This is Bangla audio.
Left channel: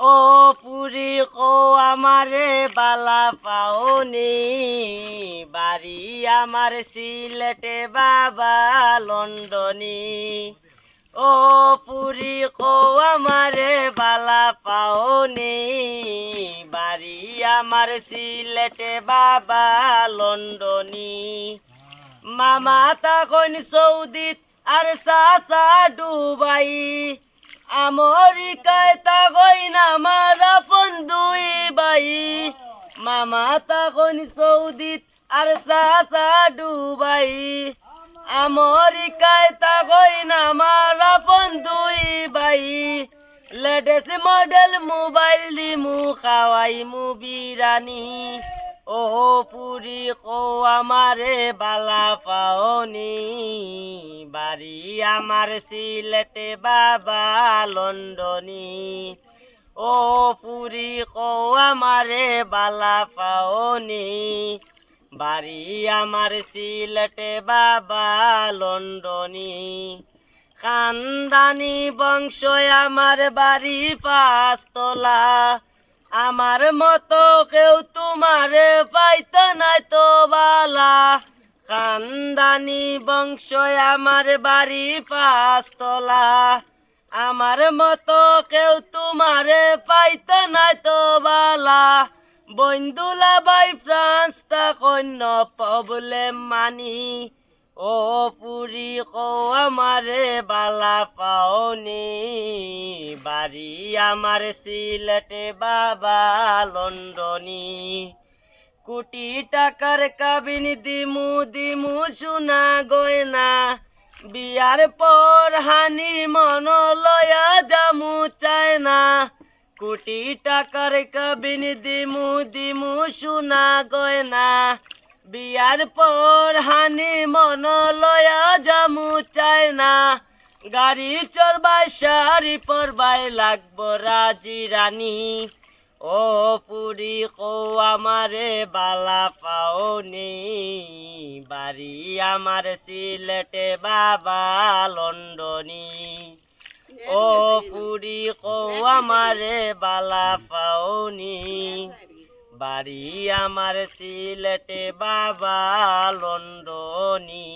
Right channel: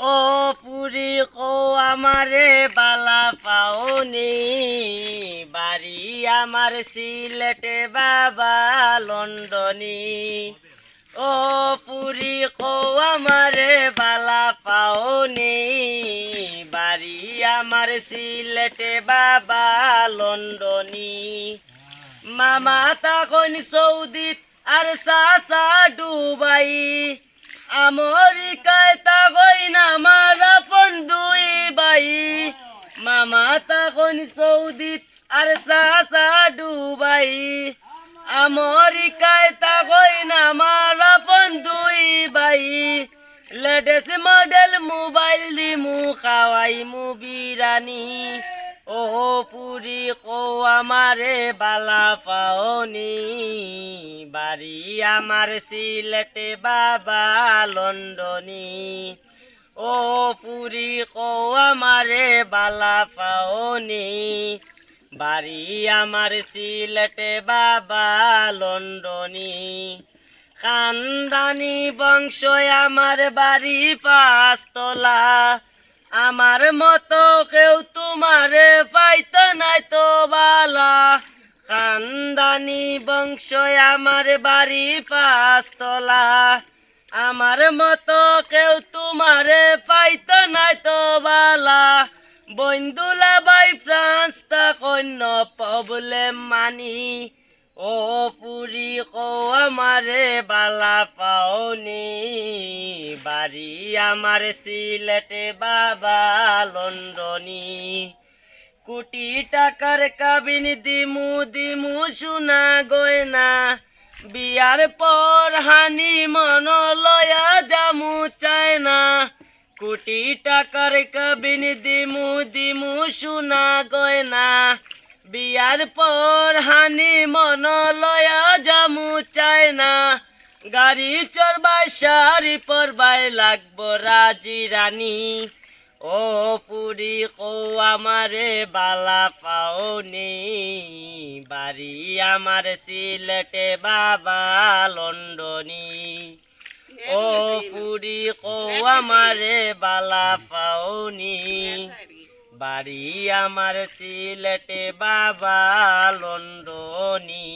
ও পুরি কো আমারে বালা পাওনি বাড়ি আমার সিলেটে বাবা লন্ডনী। ও পুরি কো আমারে বালা পাওনি বাড়ি আমার সিলেটে বাবা লন্ডনী। মামা তখন সৌদিত আর চাচা ডুবাই আমেরিকায় তখন আমার আপন দুই ভাই। মামা তখন সৌদিত আর চাচা ডুবাই আমেরিকায় তখন আমার আপন দুই ভাই। লেটেস্ট মডেল মোবাইল দিমু খাওয়াইমু বিরানি। ও পুরি কো আমারে বালা পাওনি বাড়ি আমার সিলেটে বাবা লন্ডনী। ও পুরি কো আমারে বালা পাওনি বাড়ি আমার সিলেটে বাবা লন্ডনী। খানদানি বংশ আমার বাড়ি পাঁচতলা আমার মতো কেউ তোমারে পাইতো নাই তো বালা। খানদানি বংশ আমার বাড়ি পাঁচতলা আমার মতো কেউ তোমারে পাইতো নাই তো বালা। বন্ধুলা বাই ফ্রান্স তা কন্য প্রবলেম মানি। ও পুরি কো আমারে বালা পাওনি বাড়ি আমার সিলেটে বাবা লন্ডনী। কোটি টাকার কাবিন দিমু দিমু সোনা গয়না বিয়ার পর হানি মন লয়া জামু চায় না। কোটি টাকার কাবিন দিমু দিমু সোনা গয়না বিয়ার পর হানি মন লয়া জামু চায় না। গাড়ি চড়বাই শাড়ি পরবাই লাগবো রাজি রানী। ও পুরি কো আমারে বালা পাওনি বাড়ি আমার সিলেটে বাবা লন্ডনী। ও পুরি কো আমারে বালা পাওনি বাড়ি আমার সিলেটে বাবা লন্ডনী।